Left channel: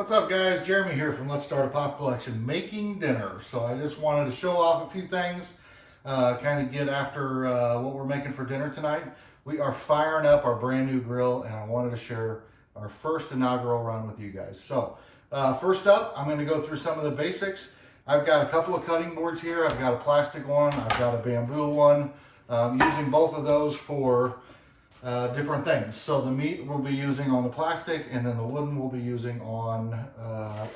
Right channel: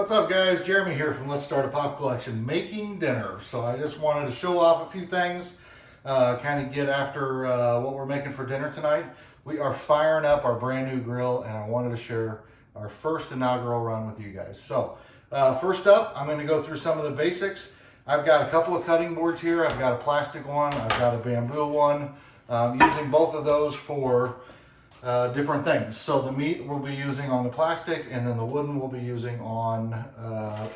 What's up, guys? Jeremy here from Let's Start a Pop Collection, making dinner. So I just wanted to show off a few things, kind of get after what we're making for dinner tonight. We are firing up our brand new grill, and I wanted to share our first inaugural run with you guys. So first up, I'm going to go through some of the basics. I've got a couple of cutting boards here. I've got a plastic one, I've got a bamboo one. Using both of those for different things. So the meat we'll be using on the plastic, and then the wooden we'll be using on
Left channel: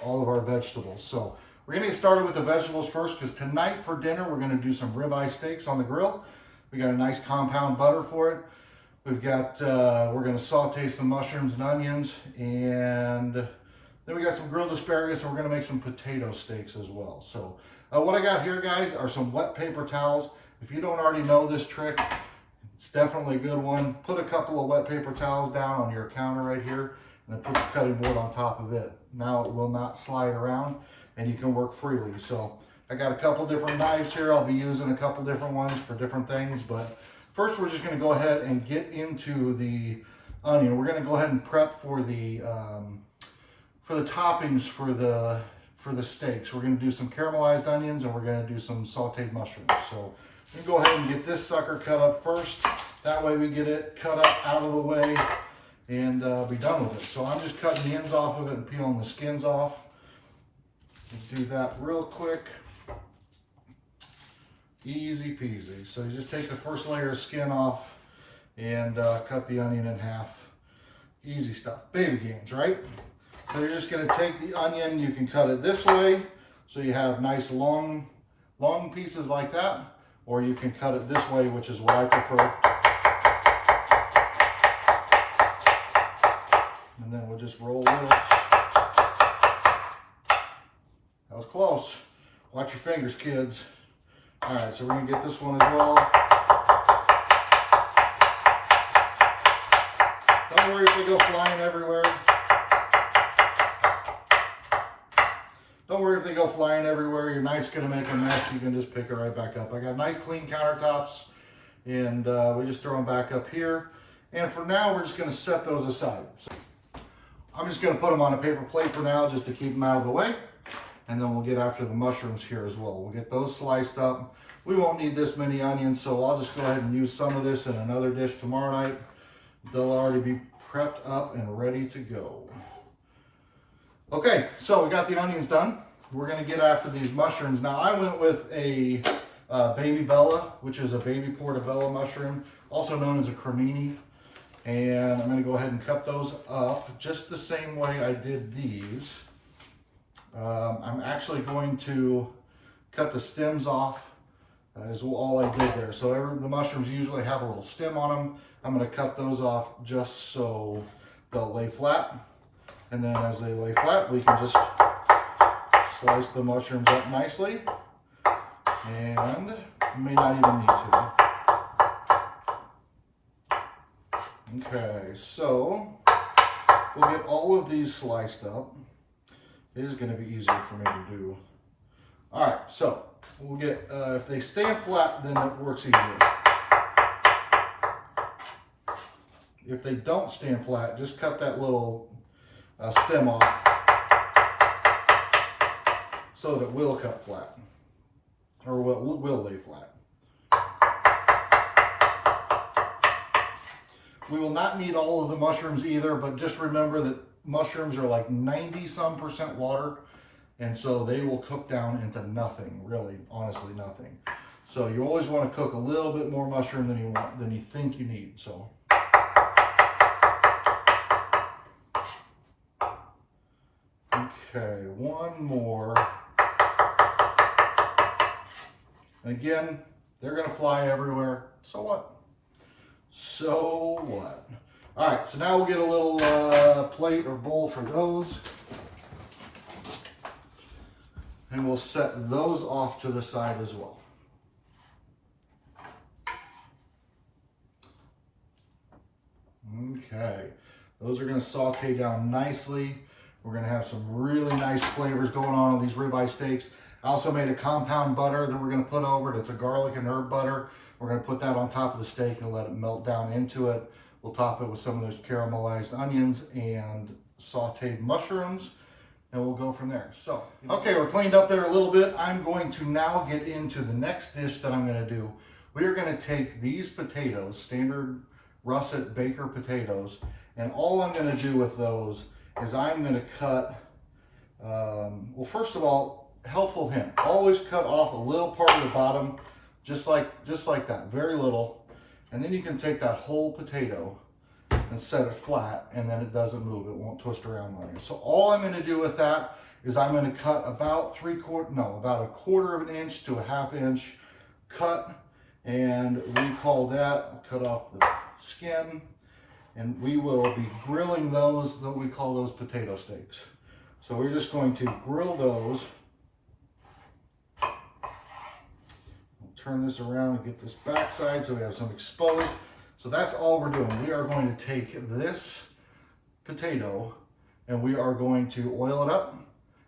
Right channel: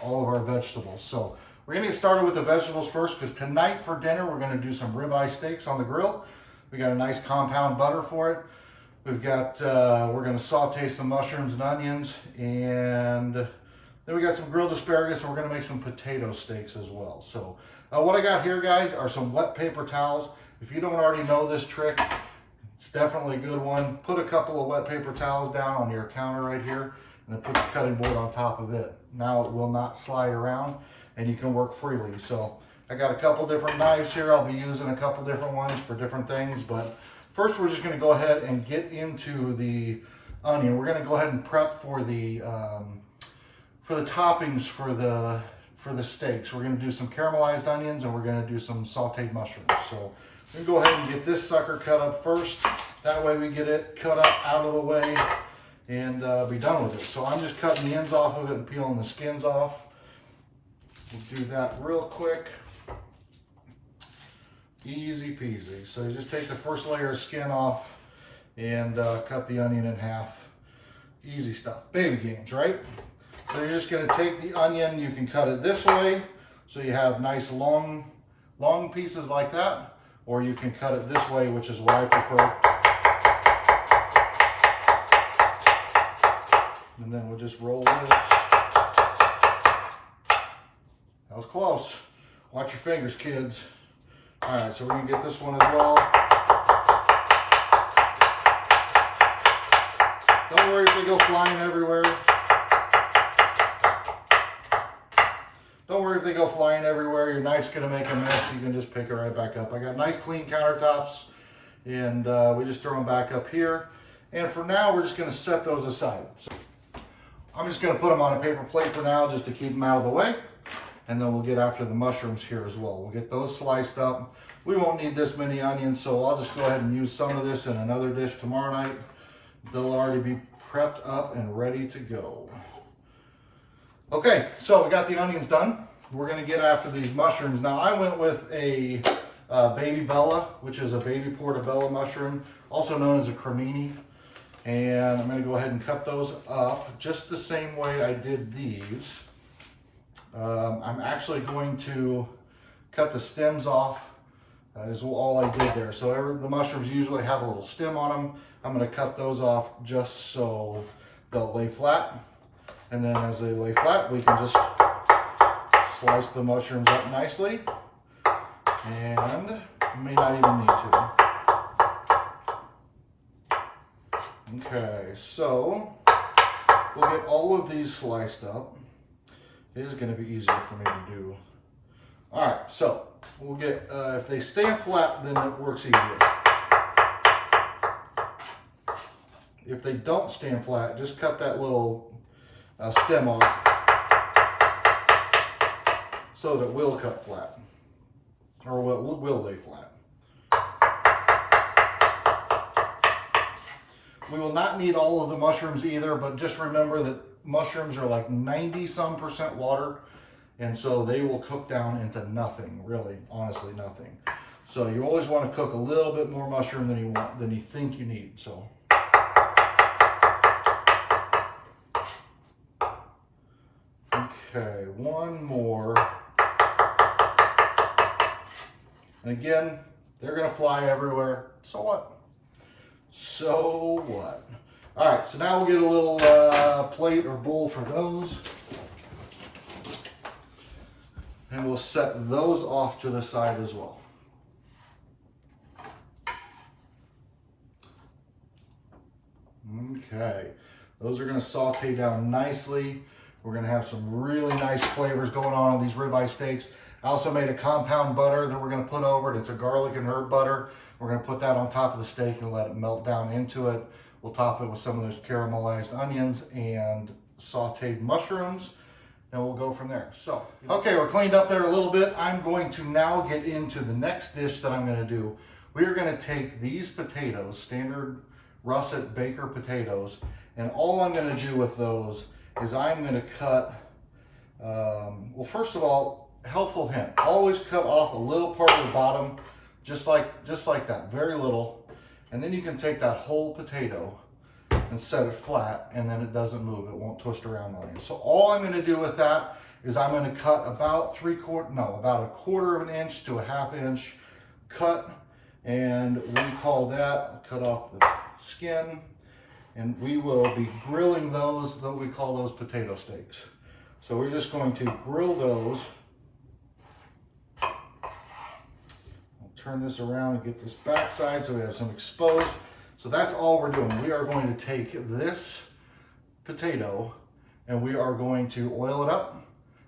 all of our vegetables. So we're gonna get started with the vegetables first, because tonight for dinner we're gonna do some ribeye steaks on the grill. We got a nice compound butter for it. We've got, we're gonna saute some mushrooms and onions, and then we got some grilled asparagus, and we're gonna make some potato steaks as well. So what I got here, guys, are some wet paper towels. If you don't already know this trick, it's definitely a good one. Put a couple of wet paper towels down on your counter right here, and then put your cutting board on top of it. Now it will not slide around, and you can work freely. So I got a couple different knives here. I'll be using a couple different ones for different things, but first we're just gonna go ahead and get into the onion. We're gonna go ahead and prep for the toppings for the steaks. We're gonna do some caramelized onions, and we're gonna do some sauteed mushrooms. So we can go ahead and get this sucker cut up first. That way we get it cut up out of the way and be done with it. So I'm just cutting the ends off of it and peeling the skins off. We'll do that real quick. Easy peasy. So you just take the first layer of skin off and cut the onion in half. Easy stuff. Baby games, right? So you're just gonna take the onion, you can cut it this way, so you have nice long pieces like that. Or you can cut it this way, which is what I prefer. And then we'll just roll this. That was close. Watch your fingers, kids. All right, so we're gonna get this one as well. Don't worry if they go flying everywhere. Don't worry if they go flying everywhere. Your knife's gonna make a mess. You can just pick it right back up. I got nice clean countertops, and we just throw them back up here. And for now, we're just gonna set those aside. So I'm just gonna put them on a paper plate for now, just to keep them out of the way. And then we'll get after the mushrooms here as well. We'll get those sliced up. We won't need this many onions, so I'll just go ahead and use some of this in another dish tomorrow night. They'll already be prepped up and ready to go. Okay, so we got the onions done. We're gonna get after these mushrooms. Now I went with a baby bella, which is a baby portobello mushroom, also known as a cremini. And I'm gonna go ahead and cut those up just the same way I did these. I'm actually going to cut the stems off, is all I did there. So the mushrooms usually have a little stem on them. I'm gonna cut those off just so they'll lay flat. And then as they lay flat, we can just slice the mushrooms up nicely. And may not even need to. Okay, so we'll get all of these sliced up. It is gonna be easier for me to do. All right, so we'll get, if they stay flat, then it works easier. If they don't stand flat, just cut that little stem off so that it will cut flat, or will lay flat. We will not need all of the mushrooms either, but just remember that mushrooms are like 90-some% water, and so they will cook down into nothing, really, honestly nothing. So you always want to cook a little bit more mushroom than you think you need. So okay, one more. And again, they're gonna fly everywhere. So what? So what? All right, so now we'll get a little plate or bowl for those. And we'll set those off to the side as well. Okay, those are gonna saute down nicely. We're gonna have some really nice flavors going on these ribeye steaks. I also made a compound butter that we're gonna put over it. It's a garlic and herb butter. We're gonna put that on top of the steak and let it melt down into it. We'll top it with some of those caramelized onions and sauteed mushrooms. and we'll go from there. So, okay, we're cleaned up there a little bit. I'm going to now get into the next dish that I'm gonna do. We are gonna take these potatoes, standard russet baker potatoes, and all I'm gonna do with those is I'm gonna cut, well, first of all, helpful hint, always cut off a little part of the bottom, just like that, very little. And then you can take that whole potato and set it flat, and then it doesn't move, it won't twist around on you. So all I'm gonna do with that is I'm gonna cut about about a quarter of an inch to a half inch cut, and we call that, cut off the skin, and we will be grilling those, we call those potato steaks. So we're just going to grill those. I'll turn this around and get this backside so we have some exposed. So that's all we're doing. We are going to take this potato and we are going to oil it up,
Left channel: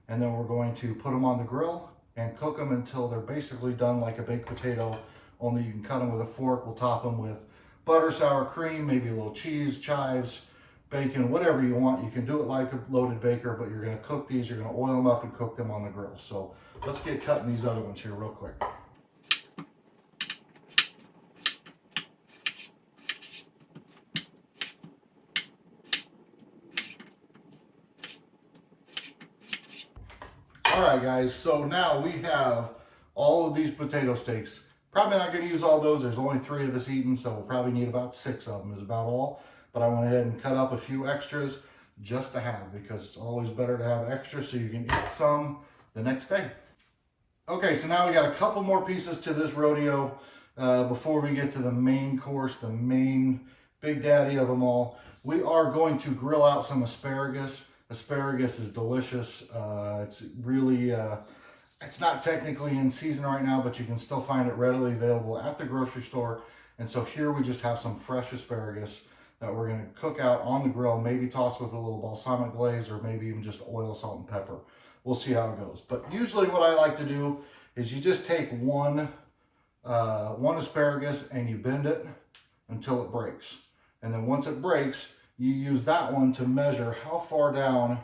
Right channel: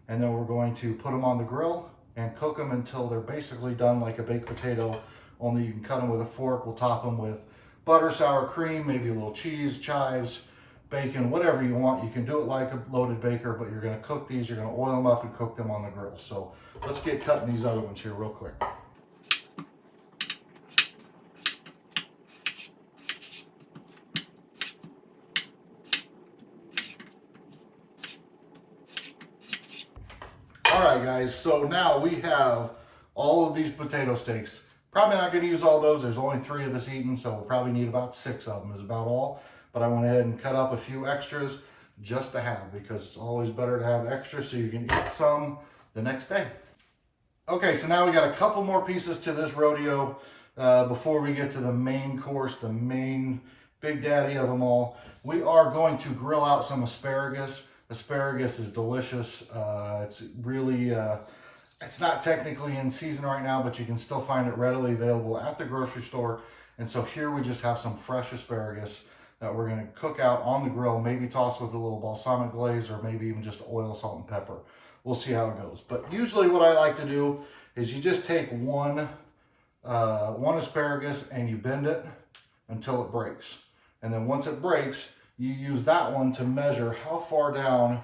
and then we're going to put them on the grill and cook them until they're basically done like a baked potato, only you can cut them with a fork. We'll top them with butter, sour cream, maybe a little cheese, chives, bacon, whatever you want. You can do it like a loaded baker, but you're gonna cook these, you're gonna oil them up and cook them on the grill. So let's get cutting these other ones here real quick. All right, guys, so now we have all of these potato steaks. Probably not gonna use all those. There's only 3 of us eating, so we'll probably need about 6 of them is about all. But I went ahead and cut up a few extras just to have, because it's always better to have extra so you can eat some the next day. Okay, so now we got a couple more pieces to this rodeo before we get to the main course, the main big daddy of them all. We are going to grill out some asparagus. Asparagus is delicious. It's really, it's not technically in season right now, but you can still find it readily available at the grocery store. And so here we just have some fresh asparagus that we're going to cook out on the grill, maybe toss with a little balsamic glaze, or maybe even just oil, salt, and pepper. We'll see how it goes. But usually what I like to do is you just take one asparagus and you bend it until it breaks. And then once it breaks, you use that one to measure how far down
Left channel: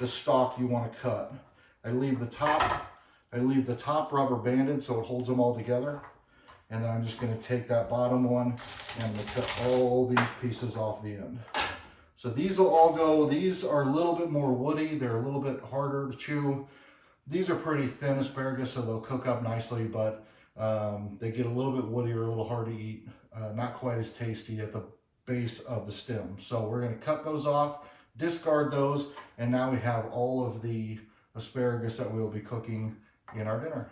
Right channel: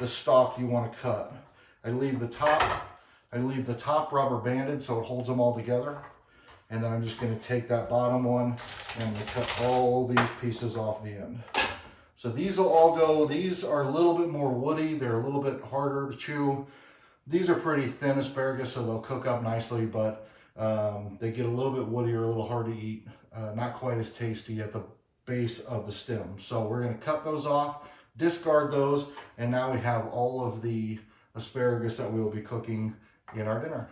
the stalk you want to cut. I leave the top rubber banded so it holds them all together. And then I'm just going to take that bottom one and cut all these pieces off the end. So these will all go, these are a little bit more woody. They're a little bit harder to chew. These are pretty thin asparagus, so they'll cook up nicely, but they get a little bit woodier, a little hard to eat. Not quite as tasty at the base of the stem. So we're going to cut those off, discard those, and now we have all of the asparagus that we will be cooking in our dinner.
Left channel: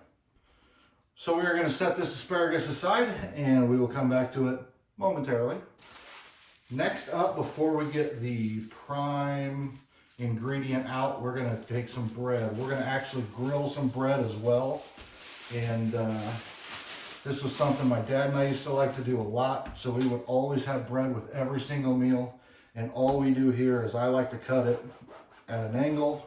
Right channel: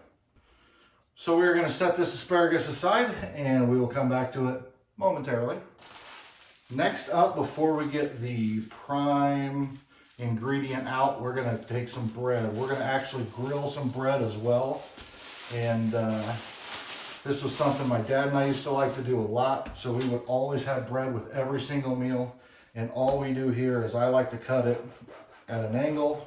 So we are going to set this asparagus aside and we will come back to it momentarily. Next up, before we get the prime ingredient out, we're going to take some bread. We're going to actually grill some bread as well. And this was something my dad and I used to like to do a lot. So we would always have bread with every single meal. And all we do here is I like to cut it at an angle.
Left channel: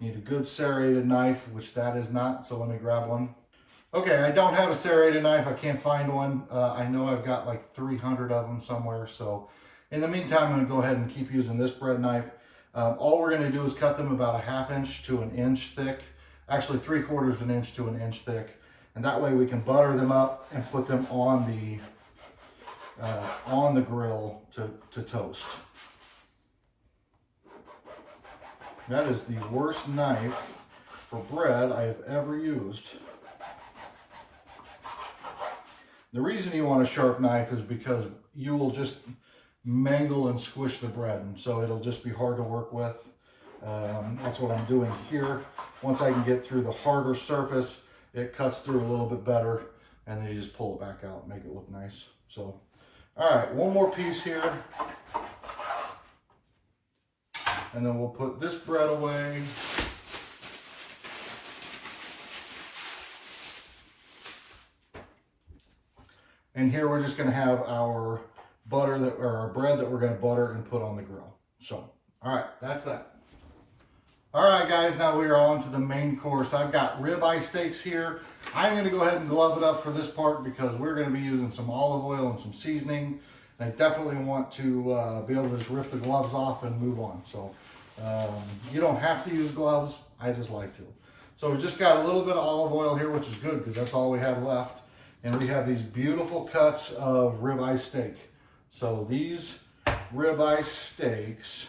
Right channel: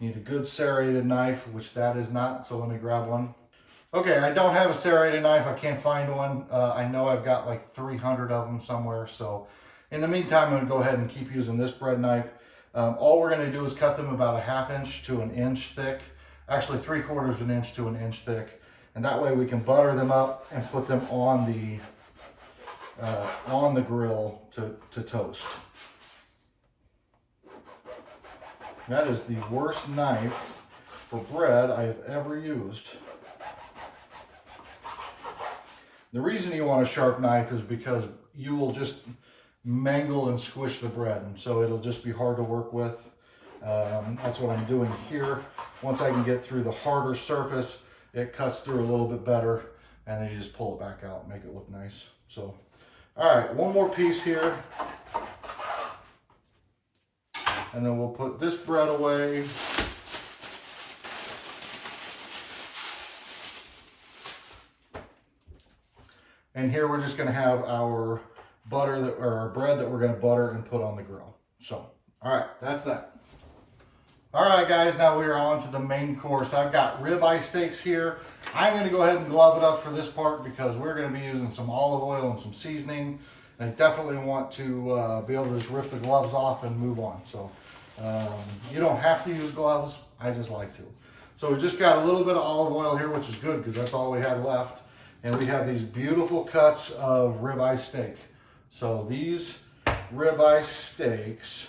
Need a good serrated knife, which that is not, so let me grab one. Okay, I don't have a serrated knife. I can't find one. I know I've got like 300 of them somewhere, so in the meantime, I'm going to go ahead and keep using this bread knife. All we're going to do is cut them about a half inch to an inch thick, actually 3/4 of an inch to an inch thick, and that way we can butter them up and put them on the grill to toast. That is the worst knife for bread I have ever used. The reason you want a sharp knife is because you will just mangle and squish the bread, and so it'll just be hard to work with. That's what I'm doing here. Once I can get through the harder surface, it cuts through a little bit better, and then you just pull it back out and make it look nice. So, all right, one more piece here. And then we'll put this bread away. And here we're just going to have our butter or our bread that we're going to butter and put on the grill. So, all right, that's that. All right, guys, now we are on to the main course. I've got ribeye steaks here. I'm going to go ahead and glove it up for this part because we're going to be using some olive oil and some seasoning. I definitely want to be able to just rip the gloves off and move on. So You don't have to use gloves. I just like to. So we just got a little bit of olive oil here, which is good because that's all we had left. And we have these beautiful cuts of ribeye steak. So these ribeye steaks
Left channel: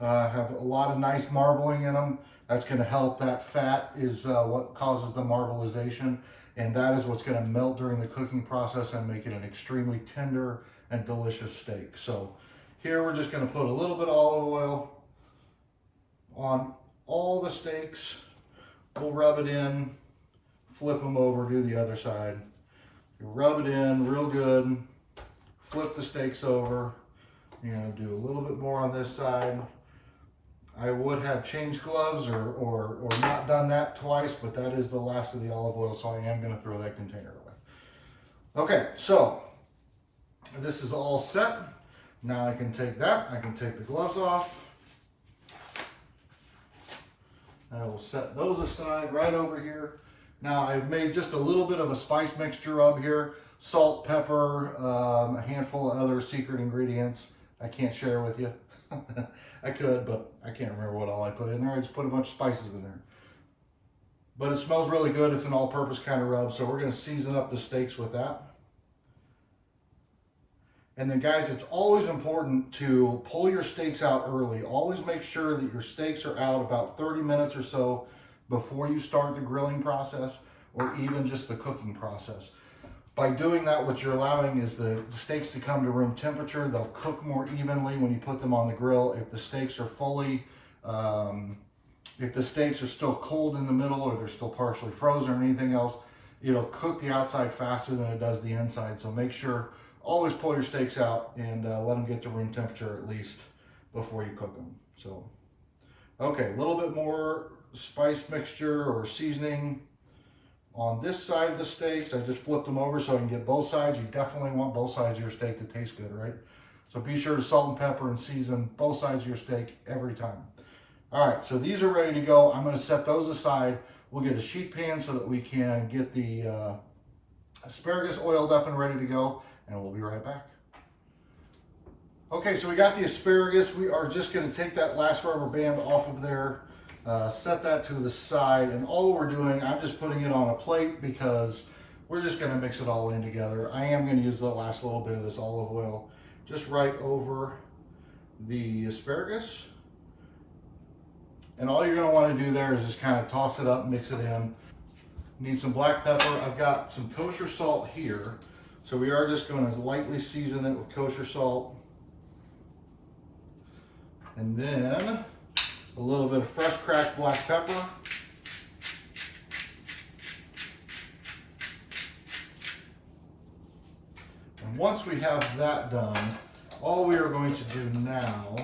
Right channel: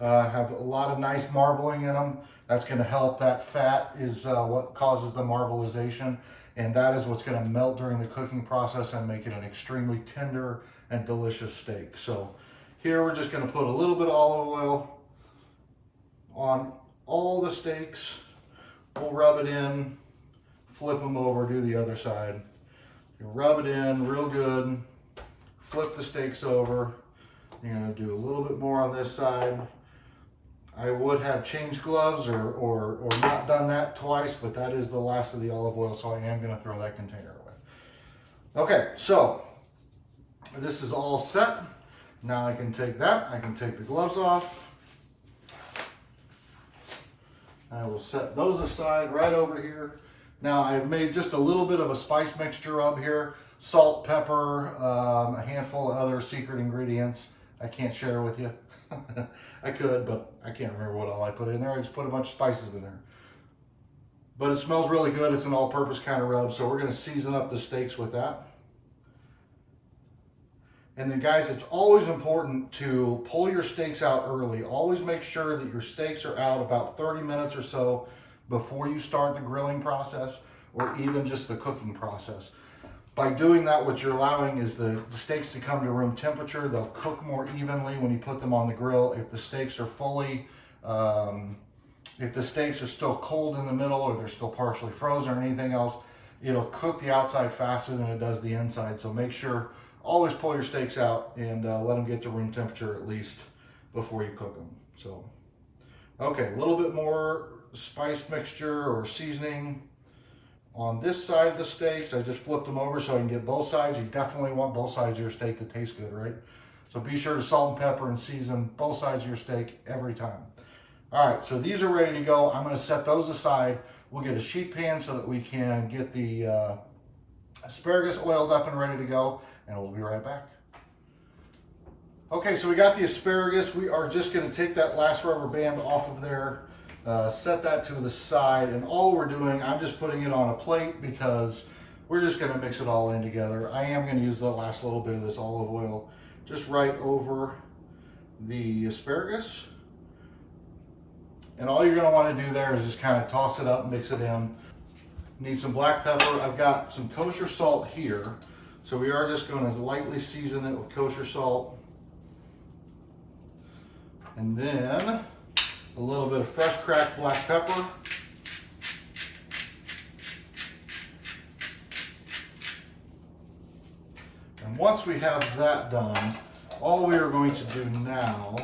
have a lot of nice marbling in them. That's going to help. That fat is what causes the marbleization, and that is what's going to melt during the cooking process and make it an extremely tender and delicious steak. So here we're just going to put a little bit of olive oil on all the steaks. We'll rub it in, flip them over, do the other side. You rub it in real good, flip the steaks over. You're going to do a little bit more on this side. I would have changed gloves or not done that twice, but that is the last of the olive oil, so I am going to throw that container away. Okay, so this is all set. Now I can take that. I can take the gloves off. I will set those aside right over here. Now I've made just a little bit of a spice mixture up here. Salt, pepper, a handful of other secret ingredients I can't share with you. I could, but I can't remember what all I put in there. I just put a bunch of spices in there. But it smells really good. It's an all-purpose kind of rub, so we're going to season up the steaks with that. And then guys, it's always important to pull your steaks out early. Always make sure that your steaks are out about 30 minutes or so before you start the grilling process or even just the cooking process. By doing that, what you're allowing is the steaks to come to room temperature. They'll cook more evenly when you put them on the grill. If the steaks are fully, if the steaks are still cold in the middle or they're still partially frozen or anything else, it'll cook the outside faster than it does the inside. So make sure, always pull your steaks out and let them get to room temperature at least before you cook them. So, okay, a little bit more spice mixture or seasoning on this side of the steaks. I just flipped them over so I can get both sides. You definitely want both sides of your steak to taste good, right? So be sure to salt and pepper and season both sides of your steak every time. All right, so these are ready to go. I'm going to set those aside. We'll get a sheet pan so that we can get the asparagus oiled up and ready to go, and we'll be right back. Okay, so we got the asparagus. We are just going to take that last rubber band off of there. Set that to the side, and all we're doing, I'm just putting it on a plate because we're just going to mix it all in together. I am going to use the last little bit of this olive oil just right over the asparagus. And all you're going to want to do there is just kind of toss it up, mix it in. Need some black pepper. I've got some kosher salt here, so we are just going to lightly season it with kosher salt. And then a little bit of fresh cracked black pepper. And once we have that done, all we are going to do now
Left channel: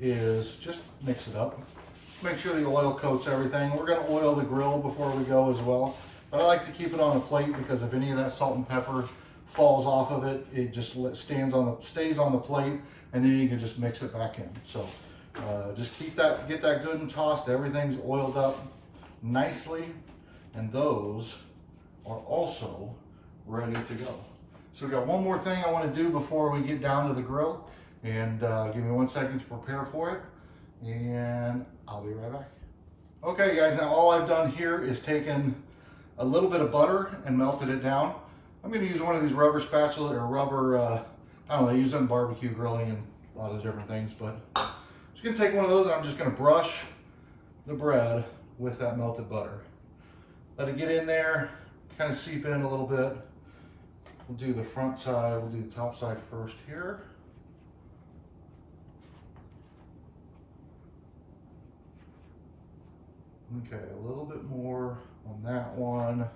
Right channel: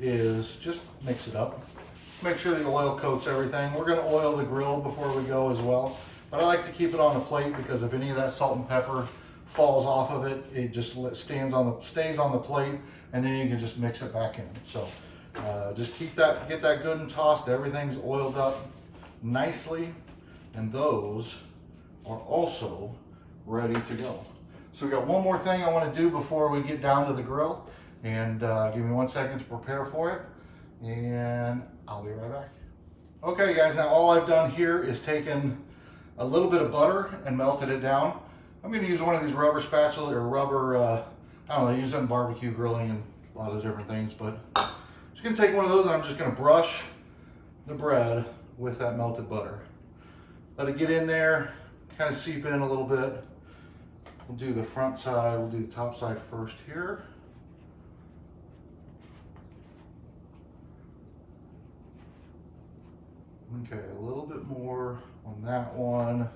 is just mix it up. Make sure the oil coats everything. We're going to oil the grill before we go as well. But I like to keep it on a plate because if any of that salt and pepper falls off of it, it just stays on the plate, and then you can just mix it back in. So just get that good and tossed. Everything's oiled up nicely, and those are also ready to go. So we got one more thing I want to do before we get down to the grill, and give me 1 second to prepare for it, and I'll be right back. Okay guys, now all I've done here is taken a little bit of butter and melted it down. I'm going to use one of these rubber spatulas or rubber, I don't know, I use them in barbecue grilling and a lot of different things, but I'm just going to take one of those and I'm just going to brush the bread with that melted butter. Let it get in there, kind of seep in a little bit. We'll do the front side, we'll do the top side first here. Okay, a little bit more on that one.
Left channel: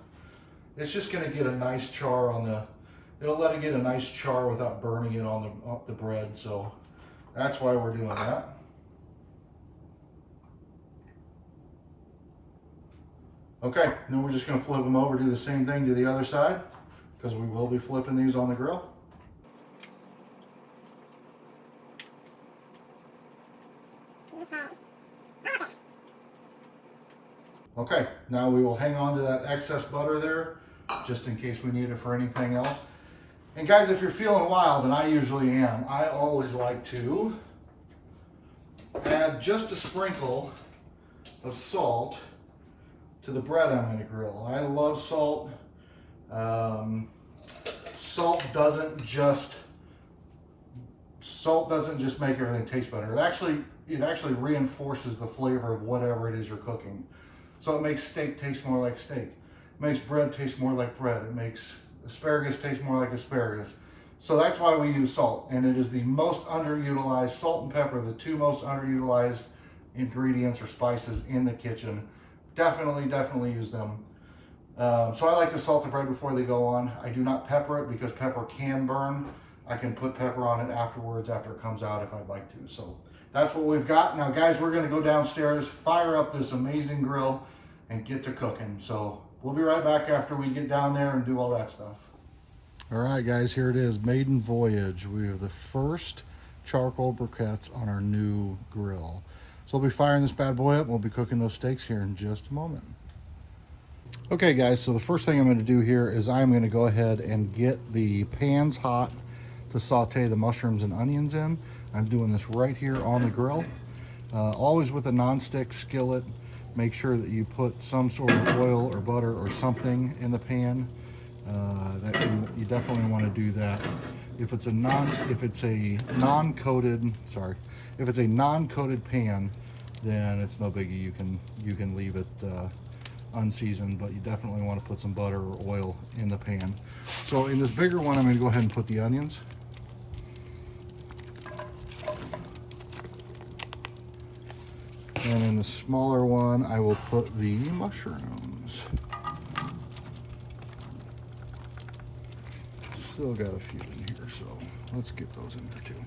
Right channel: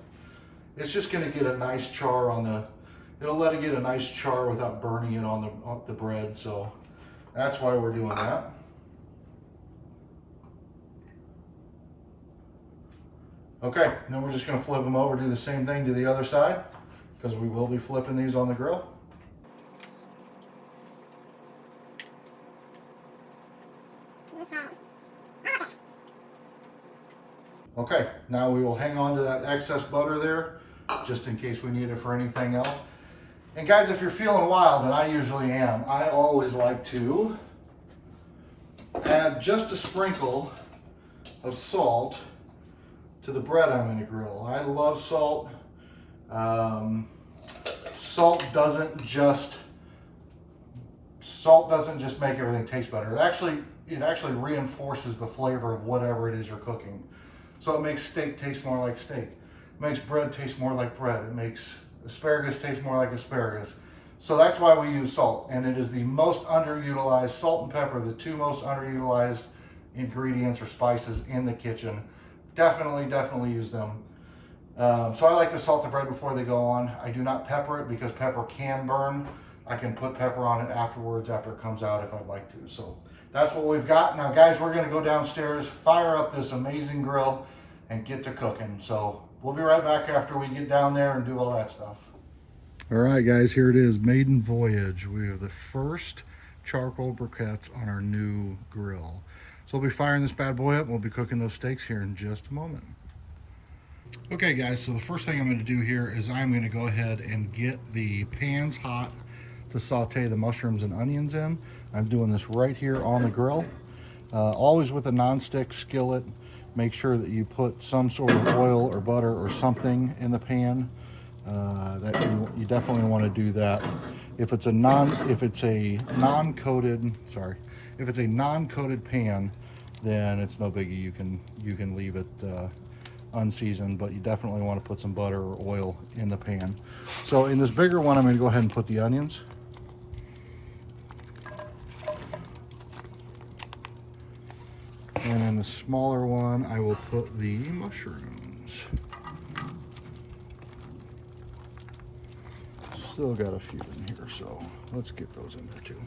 It's just going to get a nice char on the, it'll let it get a nice char without burning it on the bread, so that's why we're doing that. Okay, then we're just going to flip them over, do the same thing to the other side, because we will be flipping these on the grill. Okay, now we will hang on to that excess butter there, just in case we need it for anything else. And guys, if you're feeling wild, and I usually am, I always like to add just a sprinkle of salt to the bread I'm going to grill. I love salt. Salt doesn't just make everything taste better. It actually reinforces the flavor of whatever it is you're cooking. So it makes steak taste more like steak. It makes bread taste more like bread. It makes asparagus taste more like asparagus. So that's why we use salt, and it is the most underutilized, salt and pepper, the two most underutilized ingredients or spices in the kitchen. Definitely use them. So I like to salt the bread before they go on. I do not pepper it because pepper can burn. I can put pepper on it afterwards after it comes out if I'd like to. So that's what we've got. Now guys, we're gonna go downstairs, fire up this amazing grill, and get to cooking. So we'll be right back after we get down there and do all that stuff. All right guys, here it is, maiden voyage. We have the first charcoal briquettes on our new grill. So we'll be firing this bad boy up and we'll be cooking those steaks here in just a moment. Okay guys, so the first thing I'm going to do here is I'm going to go ahead and get the pans hot to saute the mushrooms and onions in. I'm doing this right here on the grill. Always with a non-stick skillet. Make sure that you put some sort of oil or butter or something in the pan. That you definitely want to do that. If it's a non-coated pan, then it's no biggie. You can leave it unseasoned, but you definitely want to put some butter or oil in the pan. So in this bigger one, I'm going to go ahead and put the onions. And in the smaller one, I will put the mushrooms. Still got a few in here, so let's get those in there too.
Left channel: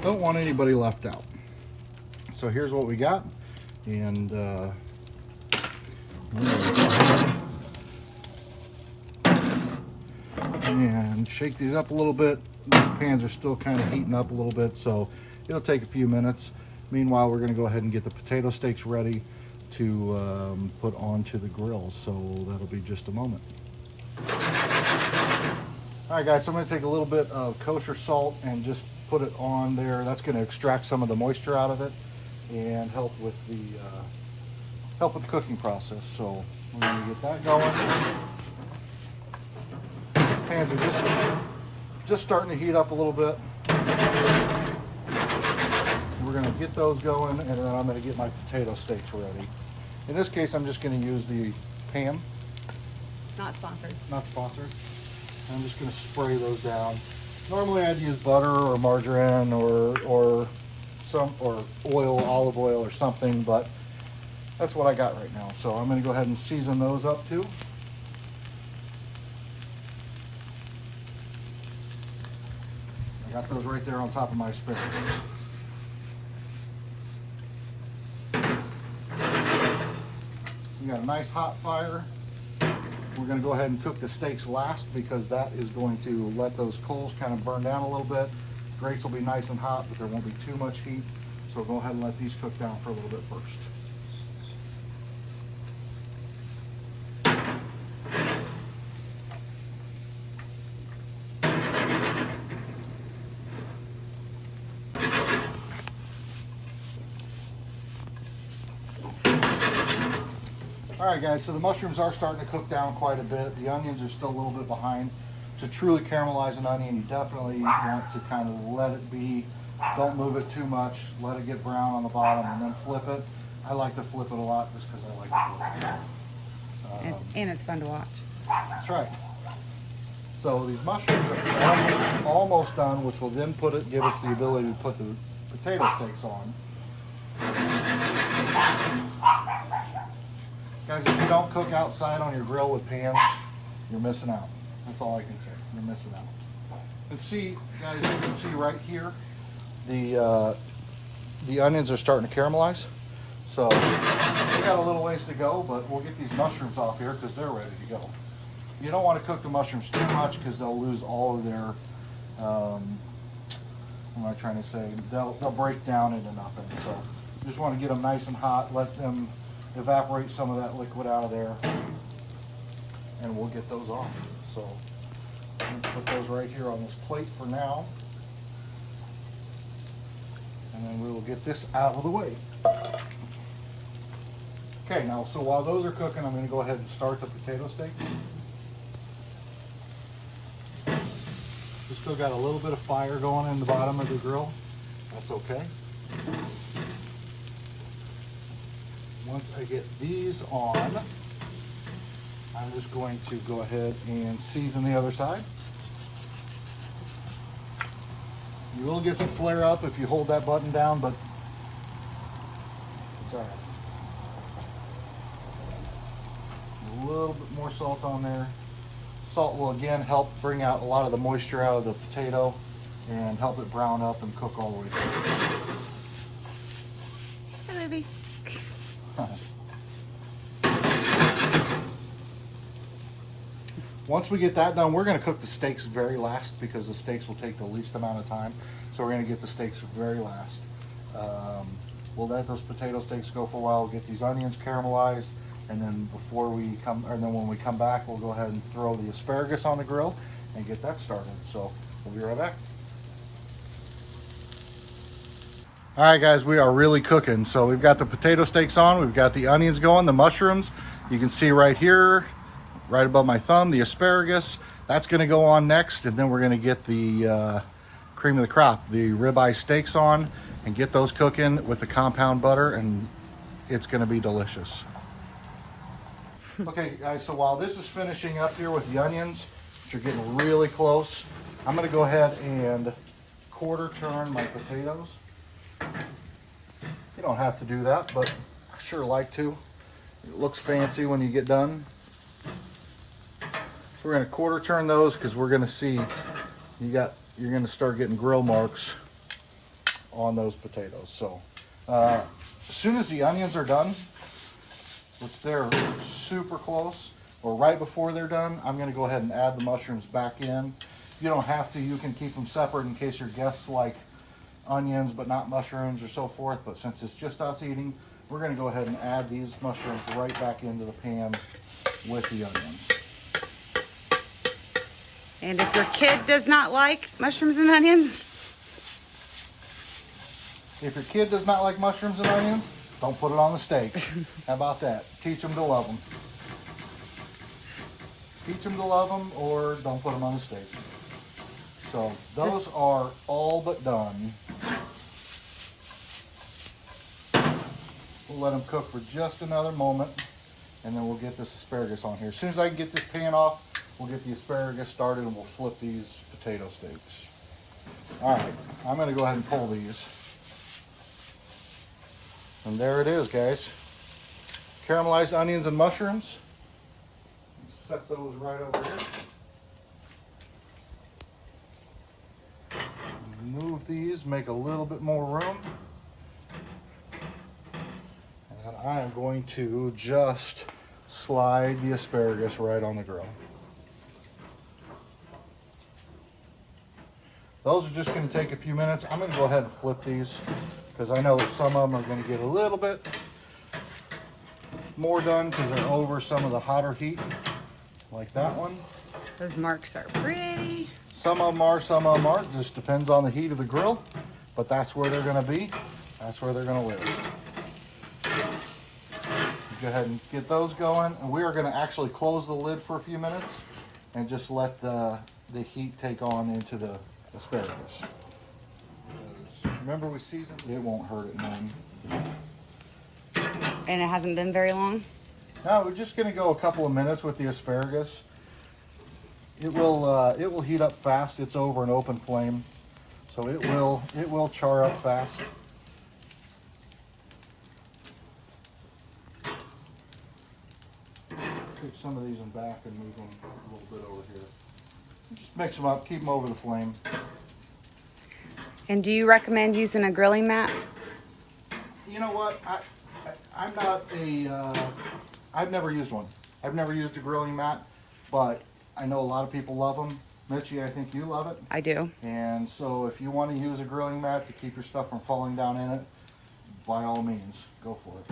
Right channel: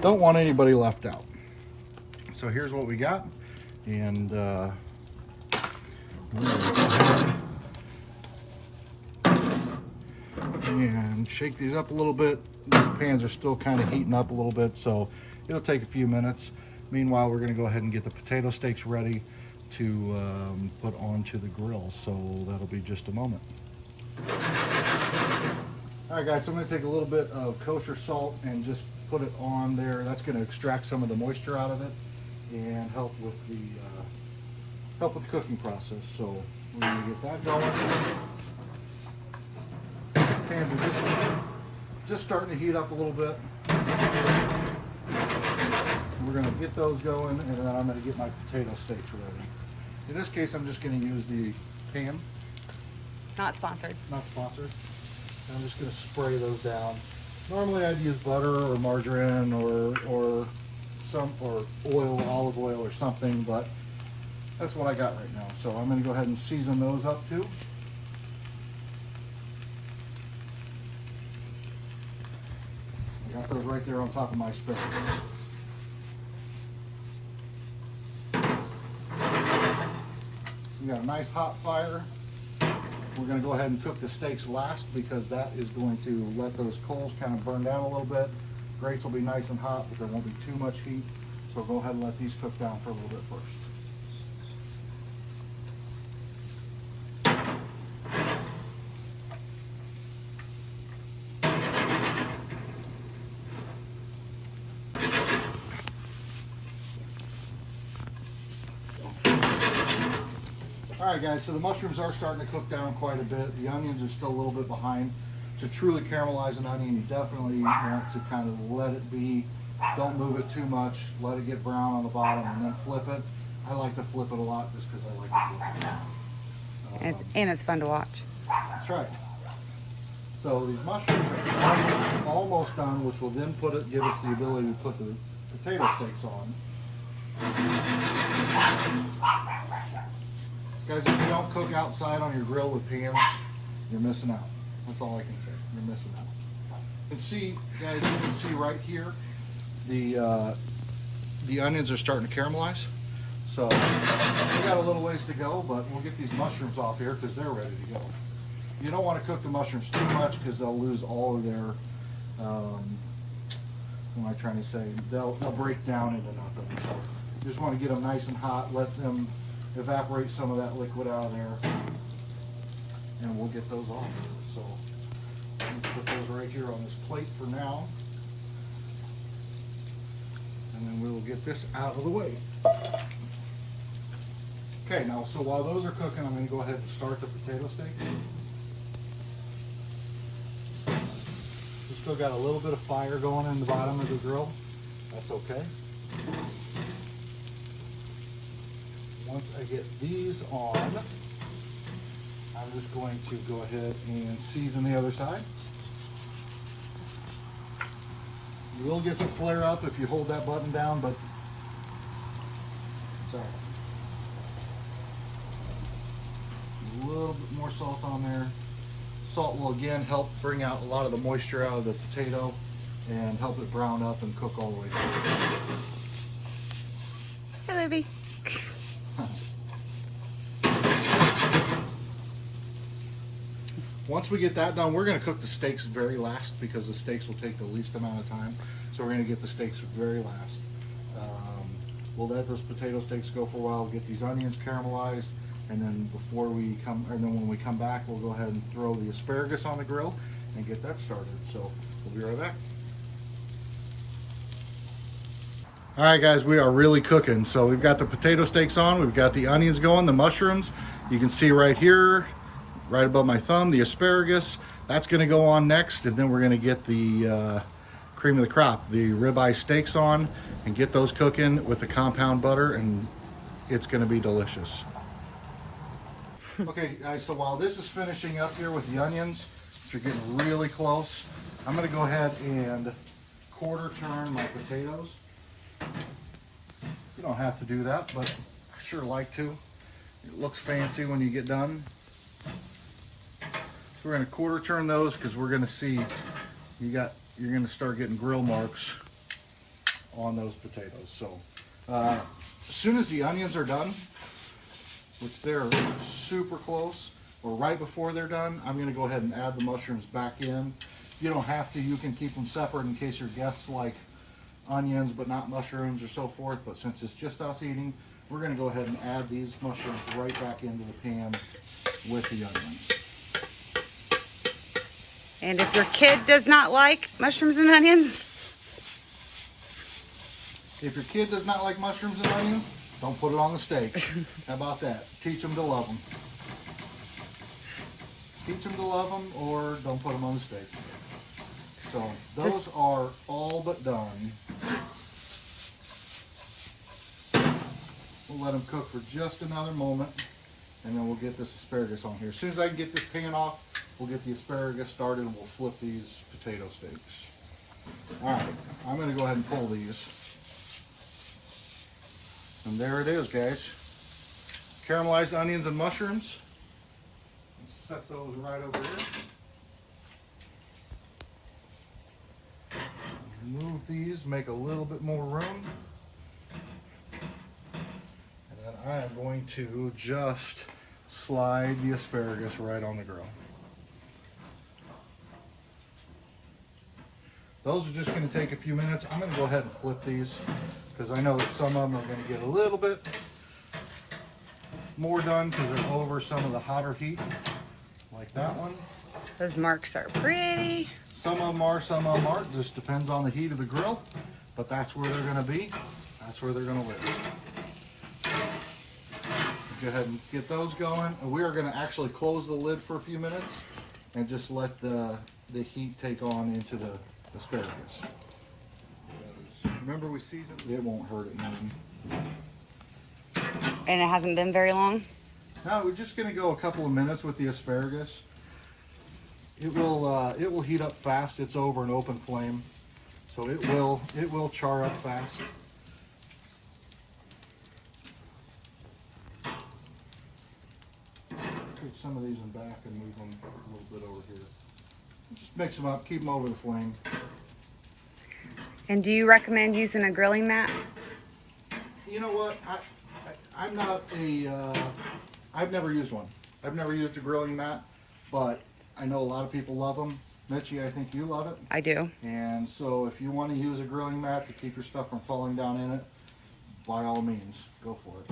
Don't want anybody left out. So here's what we got, and shake these up a little bit. These pans are still kind of heating up a little bit, so it'll take a few minutes. Meanwhile, we're going to go ahead and get the potato steaks ready to put onto the grill, so that'll be just a moment. All right guys, so I'm going to take a little bit of kosher salt and just put it on there. That's going to extract some of the moisture out of it and help with the cooking process. So we're going to get that going. Pans are just starting to heat up a little bit. We're going to get those going, and then I'm going to get my potato steaks ready. In this case, I'm just going to use the pan. Not sponsored. Not sponsored. I'm just going to spray those down. Normally I'd use butter or margarine or oil, olive oil or something, but that's what I got right now. So I'm going to go ahead and season those up too. I got those right there on top of my asparagus. We got a nice hot fire. We're going to go ahead and cook the steaks last because that is going to let those coals kind of burn down a little bit. Grates will be nice and hot, but there won't be too much heat. So we'll go ahead and let these cook down for a little bit first. Alright guys, so the mushrooms are starting to cook down quite a bit. The onions are still a little bit behind. To truly caramelize an onion, you definitely want to kind of let it be. Don't move it too much. Let it get brown on the bottom and then flip it. I like to flip it a lot just because I like to flip it. And it's fun to watch. That's right. So these mushrooms are almost done, which will then give us the ability to put the potato steaks on. Guys, if you don't cook outside on your grill with pans, you're missing out. That's all I can say. You're missing out. You can see, guys, you can see right here, the onions are starting to caramelize. So we got a little ways to go, but we'll get these mushrooms off here because they're ready to go. You don't want to cook the mushrooms too much because they'll lose all of their, what am I trying to say? They'll break down into nothing. So you just want to get them nice and hot, let them evaporate some of that liquid out of there, and we'll get those off. So let's put those right here on this plate for now. And And then we will get this out of the way. Okay, now, so while those are cooking, I'm going to go ahead and start the potato steak. We still got a little bit of fire going in the bottom of the grill. That's okay. Once I get these on, I'm just going to go ahead and season the other side. You will get some flare up if you hold that button down, but it's all right. A little bit more salt on there. Salt will again help bring out a lot of the moisture out of the potato and help it brown up and cook all the way through. Hey, baby. Once we get that done, we're going to cook the steaks very last because the steaks will take the least amount of time. So we're going to get the steaks very last. We'll let those potato steaks go for a while, get these onions caramelized, and then when we come back, we'll go ahead and throw the asparagus on the grill and get that started. So we'll be right back. All right, guys, we are really cooking. So we've got the potato steaks on, we've got the onions going, the mushrooms. You can see right here, right above my thumb, the asparagus. That's going to go on next, and then we're going to get the cream of the crop, the ribeye steaks on, and get those cooking with the compound butter, and it's going to be delicious. Okay, guys, so while this is finishing up here with the onions, which are getting really close, I'm going to go ahead and quarter turn my potatoes. You don't have to do that, but I sure like to. It looks fancy when you get done. We're going to quarter turn those because we're going to see you're going to start getting grill marks on those potatoes. So as soon as the onions are done, which they're super close, or right before they're done, I'm going to go ahead and add the mushrooms back in. You don't have to. You can keep them separate in case your guests like onions but not mushrooms or so forth. But since it's just us eating, we're going to go ahead and add these mushrooms right back into the pan with the onions. And if your kid does not like mushrooms and onions, if your kid does not like mushrooms and onions, don't put it on the steak. How about that? Teach them to love them. Teach them to love them, or don't put them on the steak. So those are all but done. We'll let them cook for just another moment, and then we'll get this asparagus on here. As soon as I can get this pan off, we'll get the asparagus started, and we'll flip these potato steaks. All right, I'm going to go ahead and pull these. And there it is, guys. Caramelized onions and mushrooms. Set those right over here. Move these, make a little bit more room. And I am going to just slide the asparagus right on the grill. Those are just going to take a few minutes. I'm going to go ahead and flip these because I know that some of them are going to get a little bit more done because they're over some of the hotter heat, like that one. those marks are pretty. Some of them are, some of them aren't. Just depends on the heat of the grill, but that's where they're going to be. That's where they're going to live. Go ahead and get those going. And we are going to actually close the lid for a few minutes and just let the heat take on into the asparagus. Remember, we seasoned it. Won't hurt it none. And it hasn't been very long? No, we're just going to go a couple of minutes with the asparagus. It will heat up fast. It's over an open flame, so it will char up fast. Take some of these in back and move them a little bit over here. Just mix them up, keep them over the flame. And do you recommend using a grilling mat? You know what? I'm not a. I've never used one. I've never used a grilling mat, but I know a lot of people love them. Mitchie, I think you love it. I do. And so if you want to use a grilling mat to keep your stuff from falling down in it, by all means, go for it.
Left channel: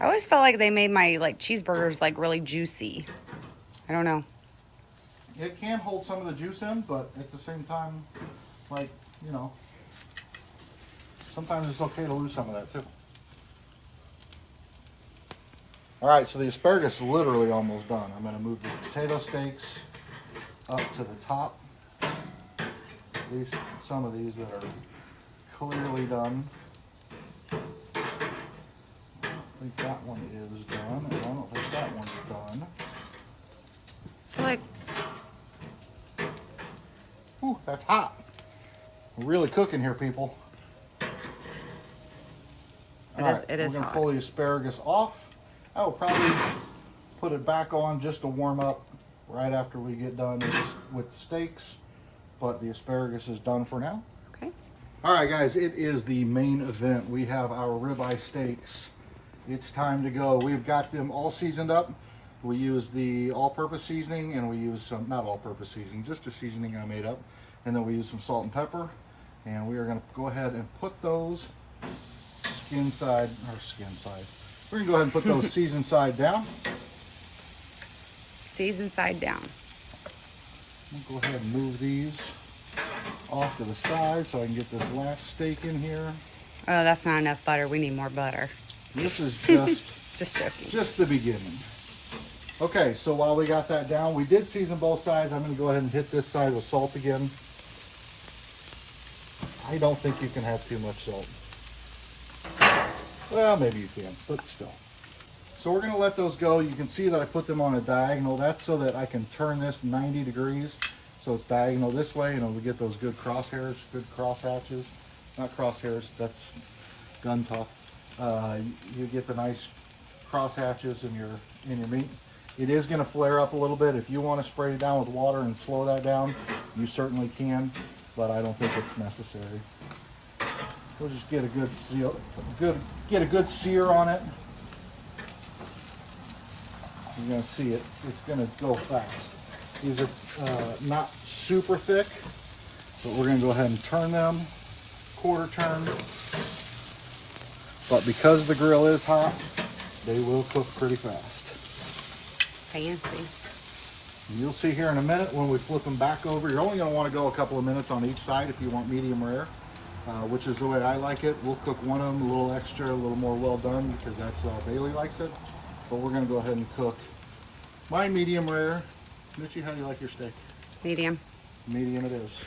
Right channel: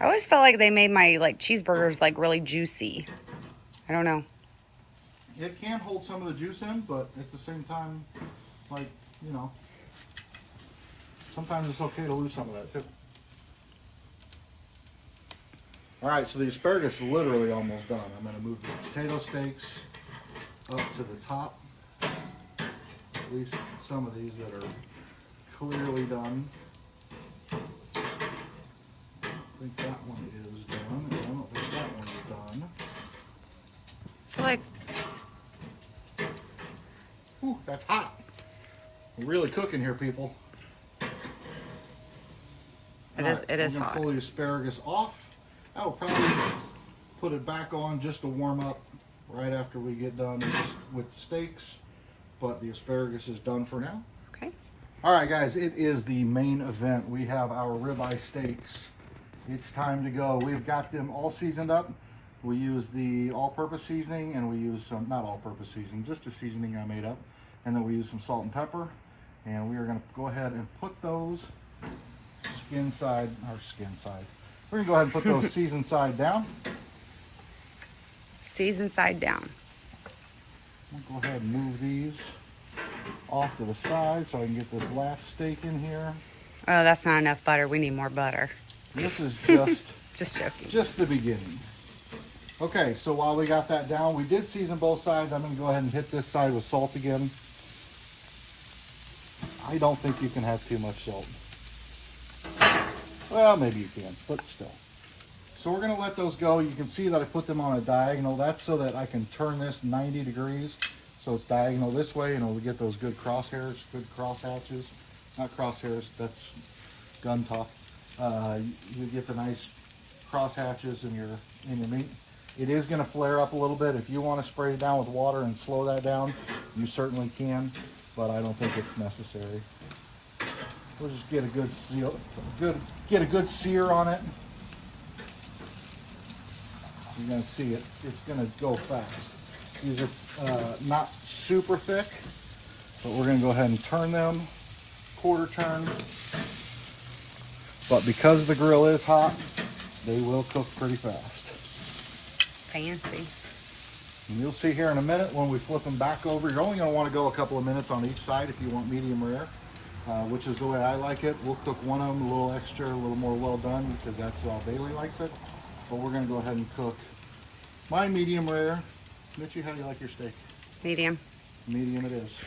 I always felt like they made my cheeseburgers really juicy. I don't know. it can hold some of the juice in, but at the same time, like, you know, sometimes it's okay to lose some of that too. All right, so the asparagus is literally almost done. I'm going to move the potato steaks up to the top. At least some of these that are clearly done. I think that one is done. I don't think that one's done. I feel like Whew, that's hot. We're really cooking here, people. it is I'm hot. gonna pull the asparagus off. I will probably put it back on just to warm up right after we get done with the steaks. But the asparagus is done for now. Okay. All right, guys, it is the main event. We have our ribeye steaks. It's time to go. We've got them all seasoned up. We use the all-purpose seasoning, and we use some, not all-purpose seasoning, just a seasoning I made up. And then we use some salt and pepper. And we are gonna go ahead and put those skin side. We're gonna go ahead and put those seasoned side down. Season side down. We'll go ahead and move these off to the side so I can get this last steak in here. Oh, that's not enough butter. We need more butter. This is just Just joking. just the beginning. Okay, so while we got that down, we did season both sides. I'm going to go ahead and hit this side with salt again. I don't think you can have too much salt. Well, maybe you can, but still. So we're going to let those go. You can see that I put them on a diagonal. That's so that I can turn this 90 degrees. So it's diagonal this way, and we get those good crosshairs, good crosshatches. Not crosshairs, that's gun talk. You get the nice crosshatches in your meat. It is going to flare up a little bit. If you want to spray it down with water and slow that down, you certainly can, but I don't think it's necessary. We'll just get a good seal, get a good sear on it. You're going to see it. It's going to go fast. These are not super thick, but we're going to go ahead and turn them, quarter turn. But because the grill is hot, they will cook pretty fast. Fancy. And you'll see here in a minute when we flip them back over, you're only going to want to go a couple of minutes on each side if you want medium rare, which is the way I like it. We'll cook one of them a little extra, a little more well done because that's how Bailey likes it. But we're going to go ahead and cook my medium rare. Mitchie, how do you like your steak? Medium. Medium it is.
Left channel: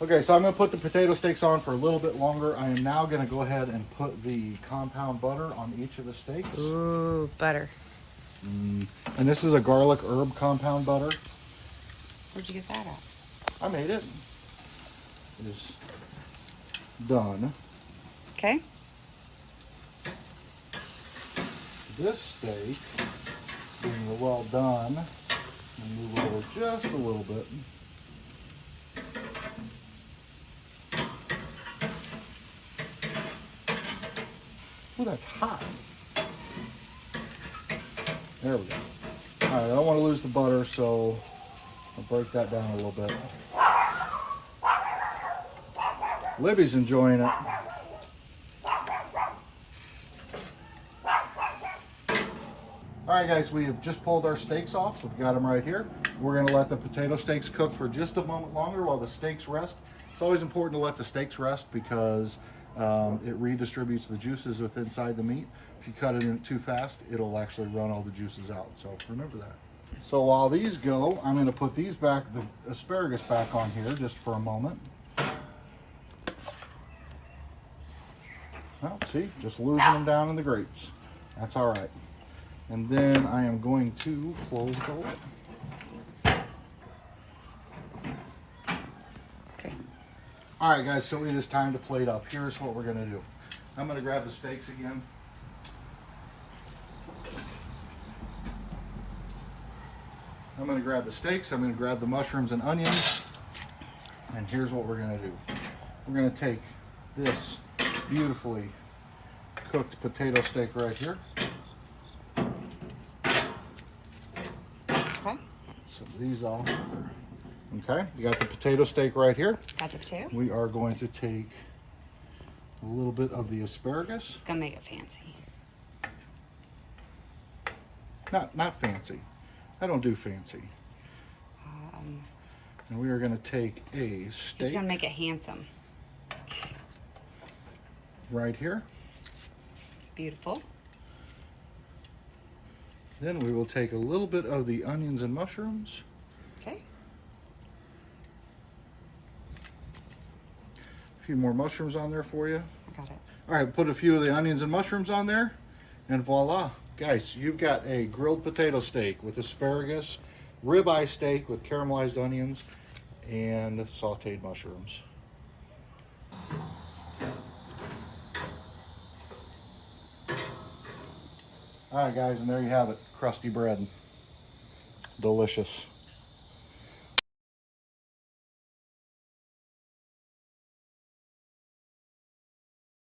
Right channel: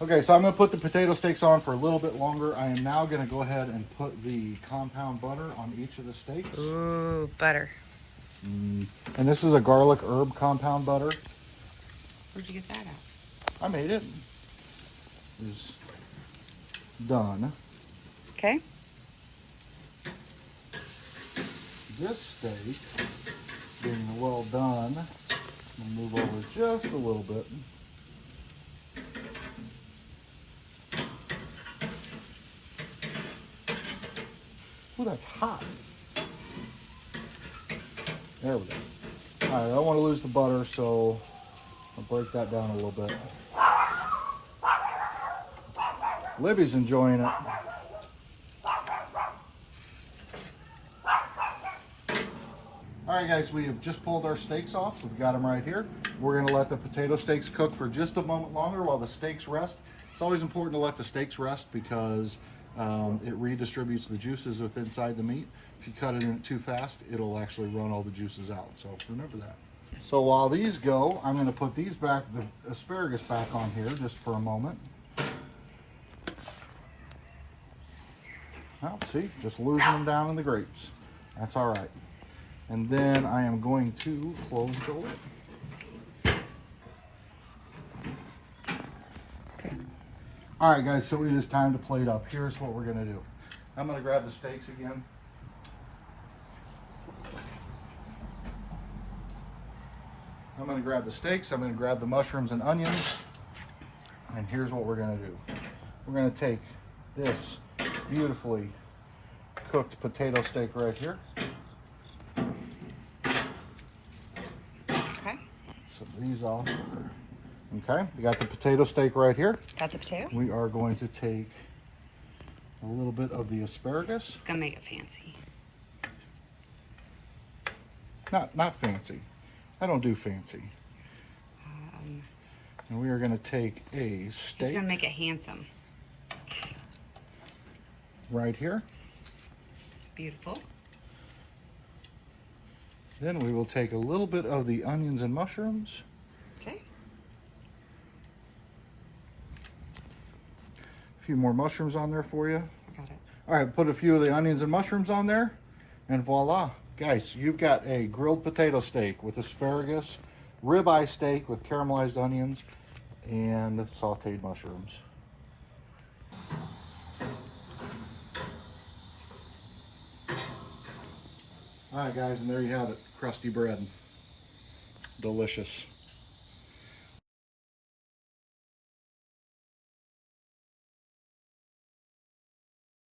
Okay, so I'm going to put the potato steaks on for a little bit longer. I am now going to go ahead and put the compound butter on each of the steaks. Ooh, butter. And this is a garlic herb compound butter. Where'd you get that at? I made it. It's done. Okay. This steak, being well done, I'll move over just a little bit. Ooh, that's hot. There we go. All right, I don't want to lose the butter, so I'll break that down a little bit. Libby's enjoying it. All right, guys, we have just pulled our steaks off. We've got them right here. We're going to let the potato steaks cook for just a moment longer while the steaks rest. It's always important to let the steaks rest because it redistributes the juices within inside the meat. If you cut it in too fast, it'll actually run all the juices out. So remember that. So while these go, I'm going to put these back, the asparagus back on here just for a moment. Well, see, just losing them down in the grates. That's all right. And then I am going to close the lid. Okay. All right, guys, so it is time to plate up. Here's what we're going to do. I'm going to grab the steaks again. I'm going to grab the steaks. I'm going to grab the mushrooms and onions. And here's what we're going to do. We're going to take this beautifully cooked potato steak right here. Okay. So these off. Okay, you got the potato steak right here. Got the potato? We are going to take a little bit of the asparagus. It's gonna make it fancy. Not fancy. I don't do fancy. And we are going to take a It's steak gonna make it handsome. right here. Beautiful. Then we will take a little bit of the onions and mushrooms. Okay. A few more mushrooms on there for you. I got it. All right, put a few of the onions and mushrooms on there, and voila. Guys, you've got a grilled potato steak with asparagus, ribeye steak with caramelized onions, and sauteed mushrooms. All right, guys, and there you have it. Crusty bread. Delicious.